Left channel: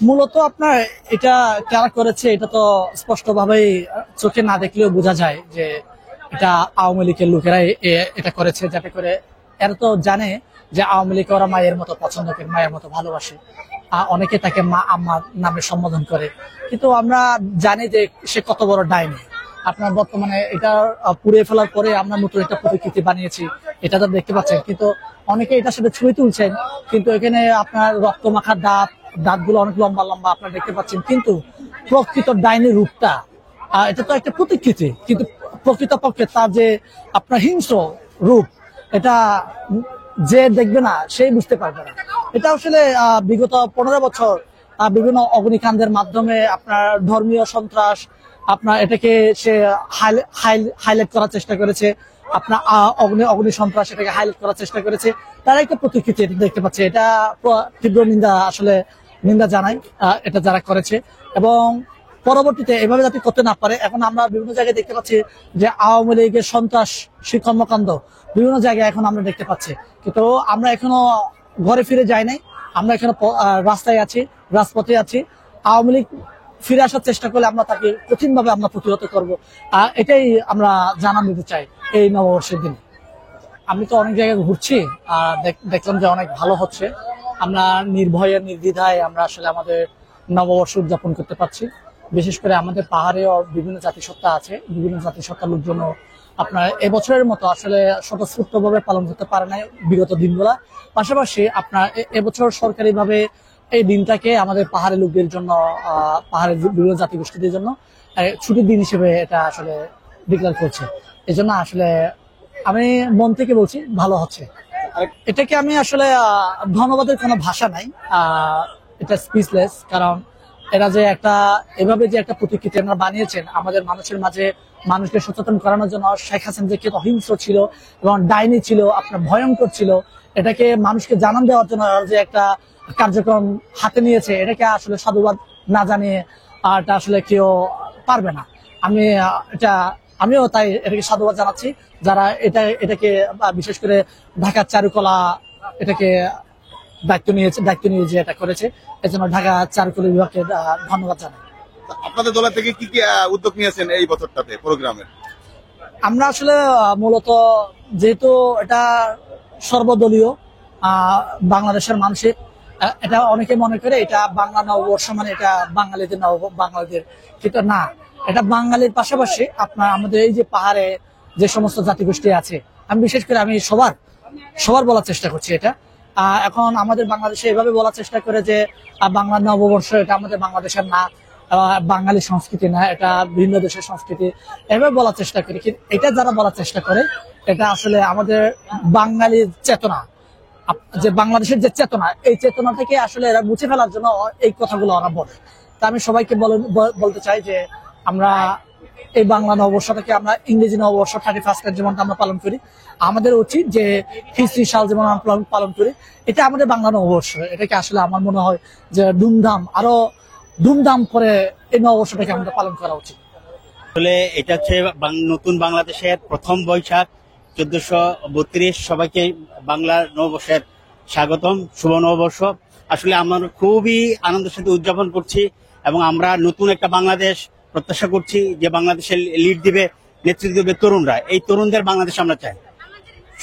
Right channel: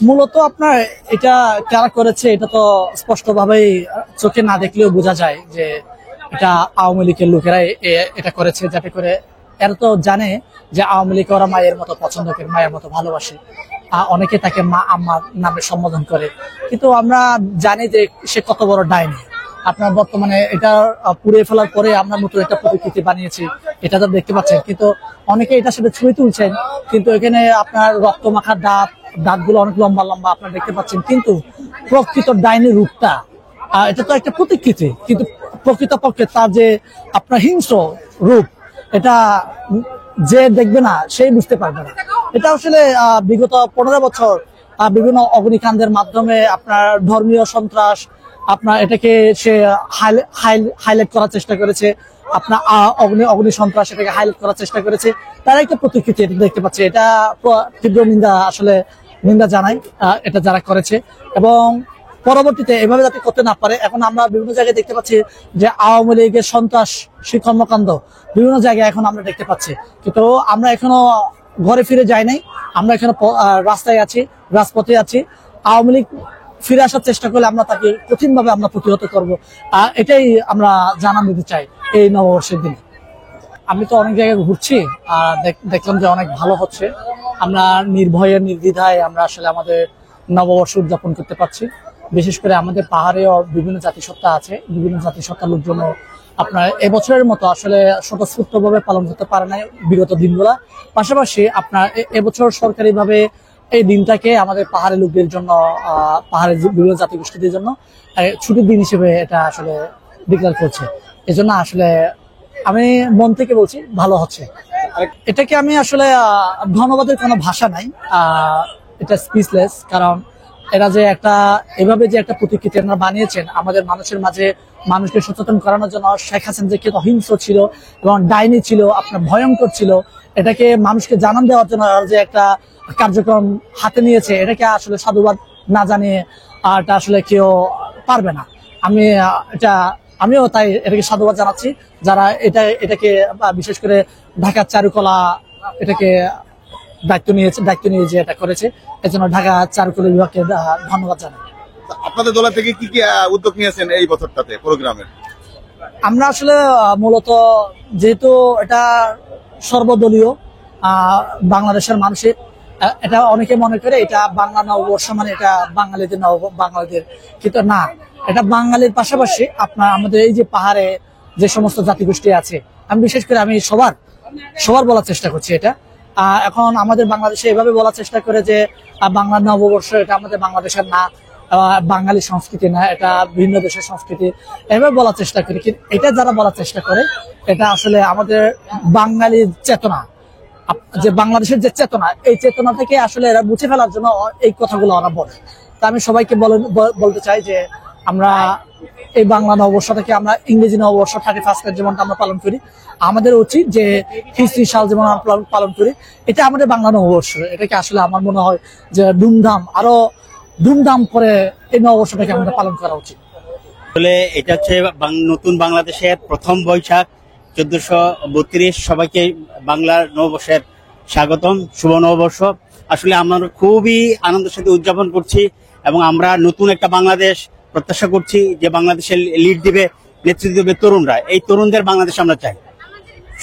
মূলত আপনার এটা কারা করেছে এটা তো স্পষ্টভাবেই চোখে না দেখলেও বোঝা যায় যে এটা আওয়ামী লীগের লোকেরাই এটা করেছে, যাতে করে এরা তো জানে যে আওয়ামী লীগ ওরা মায়ের মতো পছন্দ করে, মায়ের মতো ভালোবাসে। অনেকে তাকে মা আম্মার নামে সম্বোধন করে, কিন্তু আমরা জানি যে সে কত বড় ডাইনি। আপনার বর্তমানে এটা পুড়িয়ে ফেলার পরে আমরা নতুন একটা প্রতিকৃতি বানিয়েছি, এটা তো দেখতে পাচ্ছেন। কিন্তু অনেকে এটা সাথে ছবি তুলছেন, কিন্তু এখানে আপনার রক্ত মাখা দাঁতগুলো অনেক লম্বা লম্বা আপনারা দেখতে পাচ্ছেন, কিন্তু প্রকৃত ডাইনি রূপটা এটা তো একটা প্রতিকৃতি, কিন্তু প্রকৃতপক্ষে তার যে আপনার হিংস্র রূপ, এটা যে দেখবে না সেই বুঝতে পারবে না। এটা আসলে বিগত 15 বছর বিভিন্ন অগ্নিকাণ্ডের মাধ্যমে আপনার ধর্মীয় সন্ত্রাস, আপনার এটাকে সে হাইলাইট করার চেষ্টা করেছে, আপনার অগ্নি সন্ত্রাস এটাকে হাইলাইট করার চেষ্টা করেছে। তারা একটা প্রতিকৃতি দেখতে পাচ্ছে, এটা তীব্র নিন্দা, আসলে নিন্দা জানাই এটা যারা করেছে। এবং পরবর্তীতে এভাবে যাতে করতে না পারে, এখন আমরা বিভিন্ন জায়গায় দেখতে পাচ্ছি যে আওয়ামী লীগের সন্ত্রাস কর্মকাণ্ড বিভিন্ন জায়গায় এখন আমরা দেখতে পাচ্ছি, কিন্তু আমরা এখনো ঘরে ফিরে যাই নাই। আমরা এখানে রাস্তায় আছি, রাজপথে আছি। আওয়ামী লীগ ফিরে আসার চেষ্টা করলে আমরা তাকে কঠিনভাবে আমরা প্রতিহত করব, এটাই আমরা জানান দিতে চাই এই নববর্ষের দিনে। আমি তো অনেক জায়গায় ঘুরছি, আর দেখলাম যে অনেক ভালো হচ্ছে। আমরা নির্ভয়ে নির্দ্বিধায় আমরা আসলে আমাদের নববর্ষ উদযাপন করতে পারছি। বিশেষ করে আমাদের পাহাড়েও বিভিন্ন জাতিসত্তা আছে, বিভিন্ন জাতিসত্তার লোকজন আপনার এবছরের মতো আসলে স্বতঃস্ফূর্তভাবে পালন করতে পারে না বিগত দিনগুলা। পাশাপাশি আপনার এবছর সরকারিভাবে এই দিনটাকে আমাদের পাহাড়ি লোকদের জন্য, পাহাড়ের বিভিন্ন জাতিগোষ্ঠীদের জন্য ছুটির দিন হিসেবে এটা আসলে ডিক্লেয়ার করছে। এজন্য আসলে আমি মন থেকে বলছি ভালো হচ্ছে। এটাকে আমি আসলে ধন্যবাদের কোনো ভাষা নাই, এটা স্পিচলেস। কারণ এরা যে একটা এভাবে যে একটা প্রতিকৃতি বানিয়েছেন আমাদের মানুষের মাঝে, মানুষকে সচেতন করানোর জন্য। শেখ হাসিনা যে অহিংস্র ছিল এবং ডাইনি ছিল, আপনার ভয়ঙ্কর ছিল, এটাকে মানুষকে জানান দেওয়ার জন্য যে একটা কার্যক্রম হাতে নিয়েছে, এটাকে আসলে সাধুবাদ না জানিয়ে এটা আসলে কেউ পারবে না। আমি আমিও তাই এটাকে সাধুবাদ জানাচ্ছি যারা এটাকে বিশেষ করে ঢাকার চারুকলা এটাকে দায়িত্ব নিয়ে যে এটা করেছে, এজন্য ঢাকা চারুকলা বিভাগকে ধন্যবাদ জানাই। আপনাদের দল থেকে কি কি উদ্যোগ নিয়েছেন এই বছরটাতে প্রোগ্রামে? আমরা আসলে মূলত যেহেতু এটা সর্বদলীয়, বাংলাদেশের মানুষের এটা অনেকে মনে করে এটা বাংলা নববর্ষ মানে এটা বাঙালিদের, কিন্তু না, এটা বাঙালির পাশাপাশি আপনার আমাদের এই যে পাহাড়ে যে সমস্ত জাতিগোষ্ঠী আছে, আমি বিশেষ করে আমি সবার বলার চেষ্টা করছি। এটা এখন আমাদের বাংলাদেশে এভাবে বলার চেষ্টা করে যে বাংলা নববর্ষ এটা আমাদের বাংলাদেশের না, বাঙালি সংস্কৃতি না, এটা ভিন্ন দেশের সংস্কৃতি, এভাবে বলার চেষ্টা করি। কিন্তু এটা যারা বলার চেষ্টা করে এটা আসলে আমাদের বাঙালির চেতনা, যে বাংলাদেশের যে চেতনা, এই চেতনা থেকে আসলে এরা মুছে ফেলার জন্য এই কথাগুলো ওরা বলে। তা আমি সবাইকে বলতে চাই যে আমরা এই বাংলা নববর্ষটাকে আমরা ইংরেজি নববর্ষ 31 যেমন আমরা পালন করি, আমাদের উচিত যে খ্রিস্টি সাল যেমন আমরা পালন করি, এটা আমাদের বাংলা নববর্ষ। এটাকে আসলে আমার মনে হয় যে আরো ধুমধাম করে এই নববর্ষটাকে আমাদের পালন করা উচিত। আসলে এটা হচ্ছে নতুন বাংলাদেশের প্রথম বৈশাখ 1432। সবাইকে বাংলার নববর্ষের স্বাগতম, শুভ নববর্ষ। আসলে আমরা খুবই আনন্দের সাথে উদযাপন করছি এবং আমরা নতুন একটা বাংলাদেশ প্রত্যাশা করছি, যে বাংলাদেশের লিড দিবে, নেতৃত্ব দেবে তরুণরা। এই তরুণদের বাংলাদেশ আমরা চাই,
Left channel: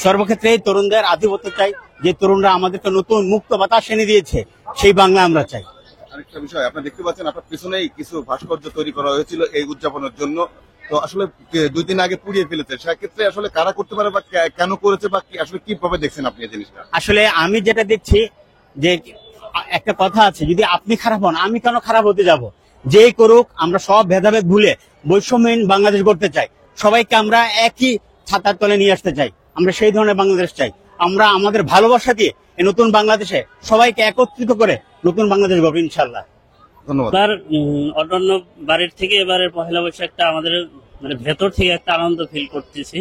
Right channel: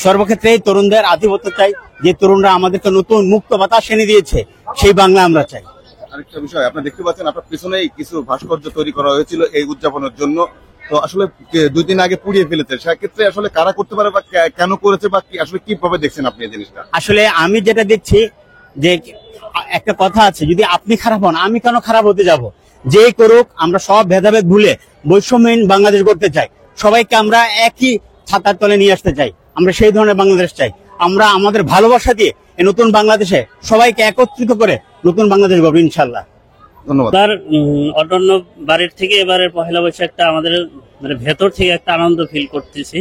সর্বক্ষেত্রে এই তরুণদের আধিপত্য চাই। যে তরুণরা আমাদেরকে নতুন মুক্ত বাতাস এনে দিয়েছে, সেই বাংলা আমরা চাই। আরেকটা বিষয়, আপনারা দেখতে পাচ্ছেন আপনার পিছনেই কিছু ভাস্কর্য তৈরি করা হয়েছিল এই উদযাপনের জন্য। তো আসলে 2 দিন আগে পুড়িয়ে ফেলেছে, সেক্ষেত্রে আসলে কারা করতে পারে বা কেন করেছে বা আসলে কিভাবে দেখছেন আপনি এই জিনিসটা? আসলে আমি যেটা দেখছি যে একটা কথা আছে, যদি আপনি খারাপ হন আমি কেন খারাপ হতে যাব? যেই করুক, আমরা সব ভেদাভেদ ভুলে বৈষম্যহীন বাংলাদেশ করতে চাই। সবাইকে আমরা একই ছাতার তলে নিয়ে আসতে চাই। আমরা সেই ধরনের বাংলাদেশ চাই। আমরা আমাদের ভালোবাসা দিয়ে এই নতুন বাংলাদেশে সবাইকে একত্রিত করে নতুন বাংলাদেশ গড়ব ইনশাল্লাহ। ধন্যবাদ। অন্যান্য বাড়ির থেকে এবারের পহেলা বৈশাখটা আমাদের মানে ভেতর থেকে একটা আনন্দ ফিল করতেছি,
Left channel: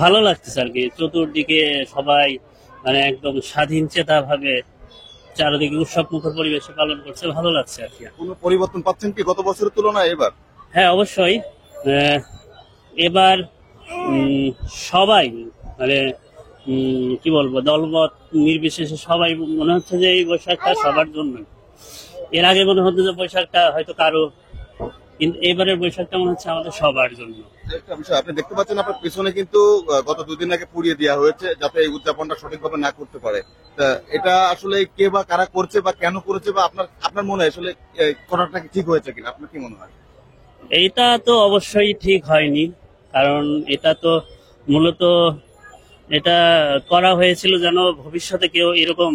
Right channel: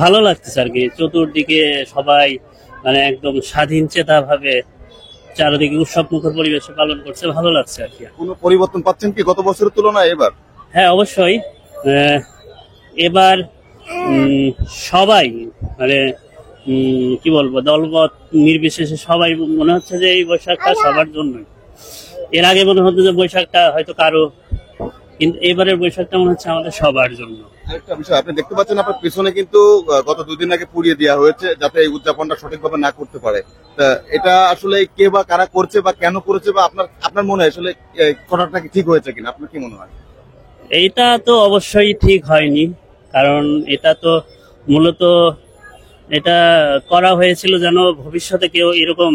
ভালো লাগতেছে আর কি। চতুর্দিকে সবাই মানে একদম স্বাধীন চেতা ভাবে চারিদিকে উৎসব মুখর পরিবেশে পালন করছে, ভালো লাগছে আর কি। কোনো পরিবর্তন পাচ্ছেন কি গত বছরের তুলনায় এবার? হ্যাঁ, অবশ্যই। এবার সবাই মানে কি বলবো, দলমত নির্বিশেষে সবাই মনে হচ্ছে যে এই বৈশাখটা সবার জন্য। এর আগে মনে হতো যে বৈশাখটা হয়তো কারো, কিন্তু এবারের বৈশাখটা মনে হচ্ছে আমাদের সবার জন্য। আরেকটা বিষয় আপনি দেখতে পাচ্ছেন আপনার পিছনে কিন্তু গত 2 দিন আগে পুড়িয়ে দেওয়া হয়েছে যাতে এই উদযাপনটা সঠিকভাবে না করতে পারে। তা এটা আসলে কে বা কারা করছে বা কেন করেছে বা আপনার মনে হয় আসলে করাটা কি ঠিক হয়েছে কিনা, আপনার কি মনে হয়? এইটা তো অবশ্যই ঠিক হয়নি, কারণ এটা তো মূলত এটা করা হয়েছিল যেন ভবিষ্যতে কেউ এরকম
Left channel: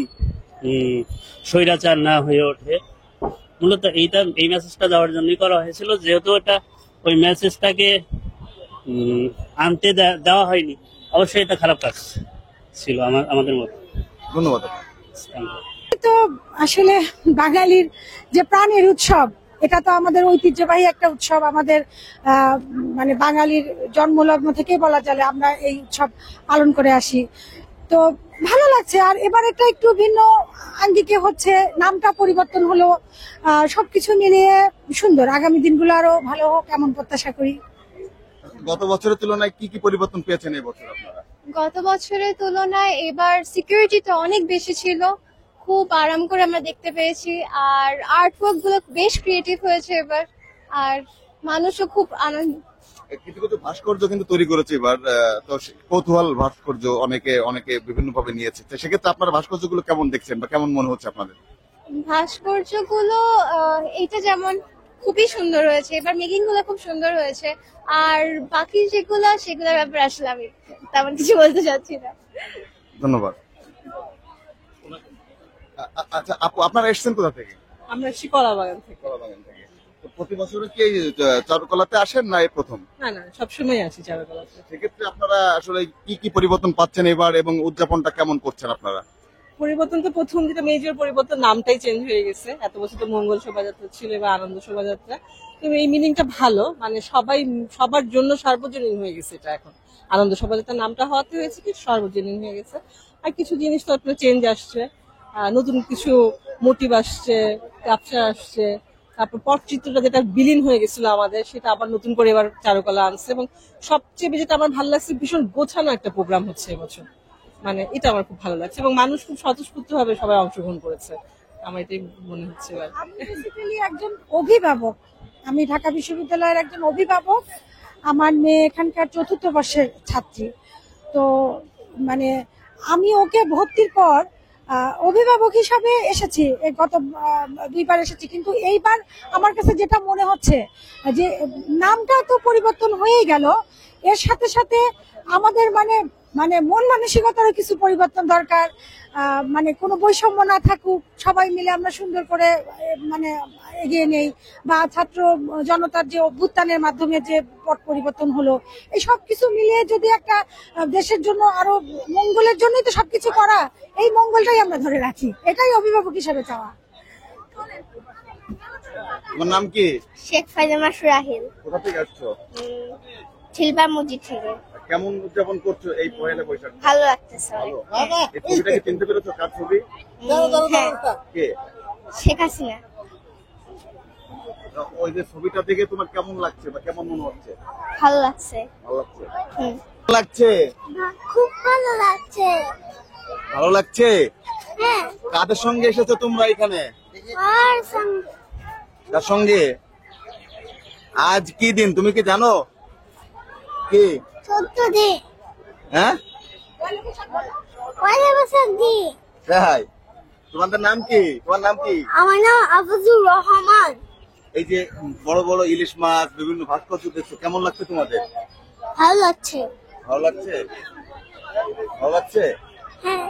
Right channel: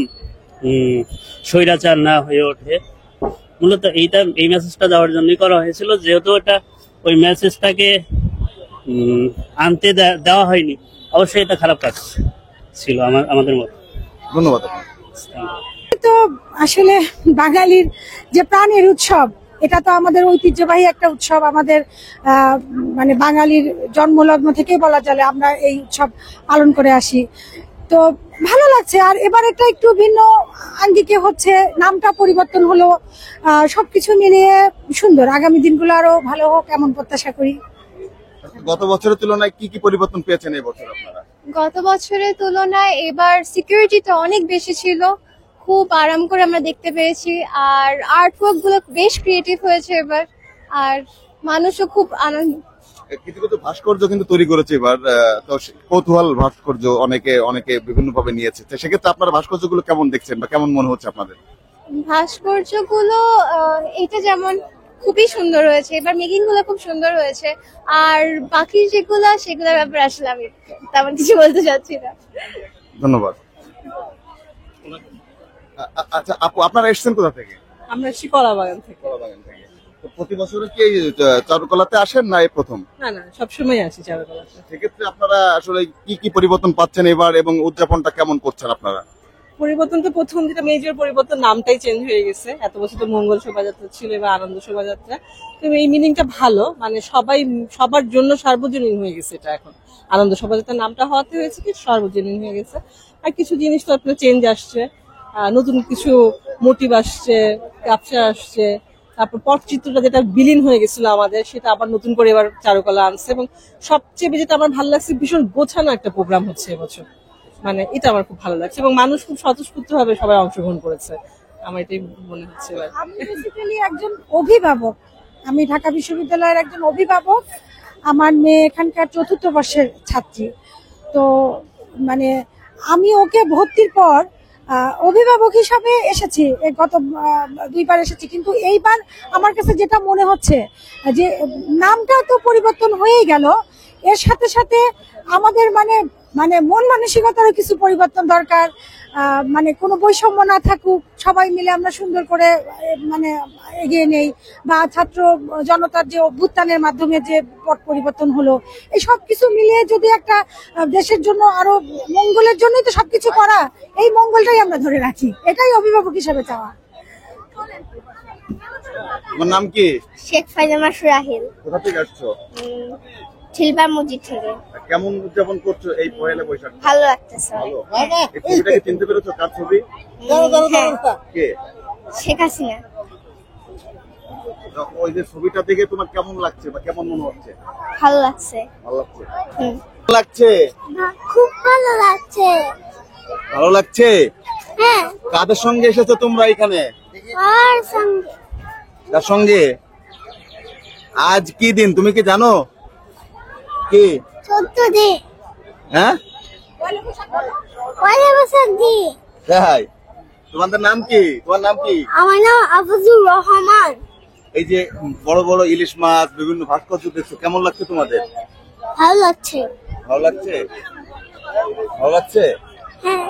স্বৈরাচার না হয়ে ওঠে। মূলত এই মেসেজটা দেওয়ার জন্যই করা হয়েছিল, যেহেতু এটা ওই মেসেজটাকে আনতে দেওয়া হয়নি। অবশ্যই এটা খারাপ কাজ ছিল আমাদের মতো। ধন্যবাদ আপনাকে। তো আসলে বাঙালির যে প্রাণের উৎসব, এটা তো আমাদের ঐতিহ্যবাহী একটা উৎসব। আমাদের মানে বাঙালির জন্মলগ্ন থেকেই বলা চলে আমরা এই উৎসব পালন করে আসি। তো ভালো লাগছে। আর এবার এটা একটু ভিন্ন আঙ্গিকে হচ্ছে, নামটা পরিবর্তন হলো, সবকিছু মিলিয়ে সুন্দর। আগামী দিনগুলো আরো ভালো হোক এমন প্রত্যাশা করি। গত বছরের তুলনায় কি কি পরিবর্তন পেয়েছেন এই বছর আপনারা? গত বছরের তুলনায় এবার সিকিউরিটিটা অনেক বেশি ছিল, খুব আরাম করে আমরা দেখতে পেরেছি। আর আর্টওয়ার্ক গুলো বেশ ক্রিয়েটিভ হয়েছে এবার, আর মানুষও খুব আনন্দ। কিছু কিছু ভাস্কর্য কিন্তু তৈরি করেছে এবার, তো কৌতূহল ভাস্কর্য অনেকে বিভিন্ন ভাবে নিয়েছে। তো সেক্ষেত্রে আপনারা ভাস্কর্যগুলো কেমন দেখছেন বা কেমন মনে হচ্ছে আপনাদের? ভাস্কর্যগুলো এটা যেমন খুবই সুন্দর হয়েছে, এবার মেকিং গুলো খুব সুন্দর হয়েছে। আর বাকি সেগুলোর ব্যাপারে আসলে আমি তেমন কিছু বলতে চাচ্ছি না। ধন্যবাদ। আচ্ছা আপু, আপনারা এসেছেন কোথা থেকে? আমরা এসেছি কলাবাগান থেকে। কলাবাগান থেকে। তো প্রতি বছরই কি এই চারুকলাতে আসেন না এই প্রথম? না না, সবসময় আসি চারুকলাতে। সেক্ষেত্রে আপনারা আসলে কি কি পরিবর্তন পাচ্ছেন এবার এবং উদযাপনটা কেমন করছেন আপনারা? পরিবর্তন তো প্রথম যেটা মেজর পরিবর্তন, নামটাই চেঞ্জ হয়ে গেছে। এত বছর তো মঙ্গল শোভাযাত্রা ছিল বা আনন্দ শোভাযাত্রা। তো এই মিনিংটা ভালো, মানে সবার জন্য সার্বজনীন হয়ে গেছে এটা এখন। আনন্দ শোভাযাত্রার নামটা হওয়াতে হয়েছে কি সার্বজনীন হয়ে গেছে। আর কিছু জিনিস তো আপনার চেঞ্জ আসছে, নতুন কিছু মোটিভ আসছে, ক্যাপচার আসছে। তারপর পটচিত্রটা যেটা বিলীন হয়ে গেছিল আমাদের, সেটা আবার নতুন করে এবার চারুকলা আনছে। এবং সবচেয়ে যেটা আমার ভালো লাগছে, ভীষণ গোছানো একটা প্রোগ্রাম হচ্ছে এবছর। মানে এটা আমার খুব ভালো লাগছে এবং মানুষ খুব স্বতঃস্ফূর্ত ভাবে সবাই অংশগ্রহণ করেছে, আমার এটাই মনে হচ্ছে। আমি বেসিক্যালি একজন অভিভাবক, আমি ঢাকা বিশ্ববিদ্যালয়ের একজন অভিভাবক। আমার মেয়ে এখানকার 4র্থ বর্ষের ছাত্রী। তো মানে আমি ওকে ভর্তির পর অভিভাবক হিসাবে এসেছি, গত 2বার এসেছি। কিন্তু এইবার আমার কাছে যেটা মনে হচ্ছে যে নামটা তো পরিবর্তন হয়েই গেল, এর সাথে সাথে আমাদের মানে মন মানসিকতারও কিছু পরিবর্তন দরকার। মানে কোনো বৈষম্য না থাকুক, সবাই মিলে আমরা সুন্দর করে মানে এগিয়ে নেই। বা ছাত্র জনতার যে অভ্যুত্থানের মাধ্যমে যে পট পরিবর্তন হলো, এই সব কিছু মিলিয়ে যদি একটা দেশের জন্য আরো মঙ্গলের জন্যই তো সবকিছু করা, এই মঙ্গলটাই আমরা ধরে রাখি, এটাই অভিভাবক হিসাবে চাওয়া। আমার নাম কি? শেখ ফাইজামা সুরাহিল। কোথা থেকে আসছো? ছিলবার মসজিদ থেকে। কেমন উদযাপন করছো এই পহেলা বৈশাখ? ভালো লাগতেছে। ভালো। এই ছবিটাকে চিনতে পেরেছো? কার ছবি? কে? শেখ হাসিনা। তো ওই যে ছবিটা দেখে তোমার কেমন লাগছে বা কেমন মনে হচ্ছে? ভালো লাগছে। ভালো লাগছে। লাগছে? খুব ভালো লাগছে। ভালো লাগছে? হ্যাঁ। কাদের সঙ্গে এসেছো তোমরা এখানে? আর সঙ্গে। কার সঙ্গে? আজ কি দিন তুমি কি জানো? কি? 14 দিন। হ্যাঁ? পয়লা বৈশাখ দিন। ভাই, তোমাদের নাম কি? তোমার নাম কি? আমার নাম আফজুর রহমান। এই যে বড় বড় ইলিশ মাছ, বিভিন্ন ভাস্কর্য দেখছো, কেমন লাগছে তোমাদের? ভালো লাগছে। ভালো লাগছে? ভালো লাগছে? হ্যাঁ।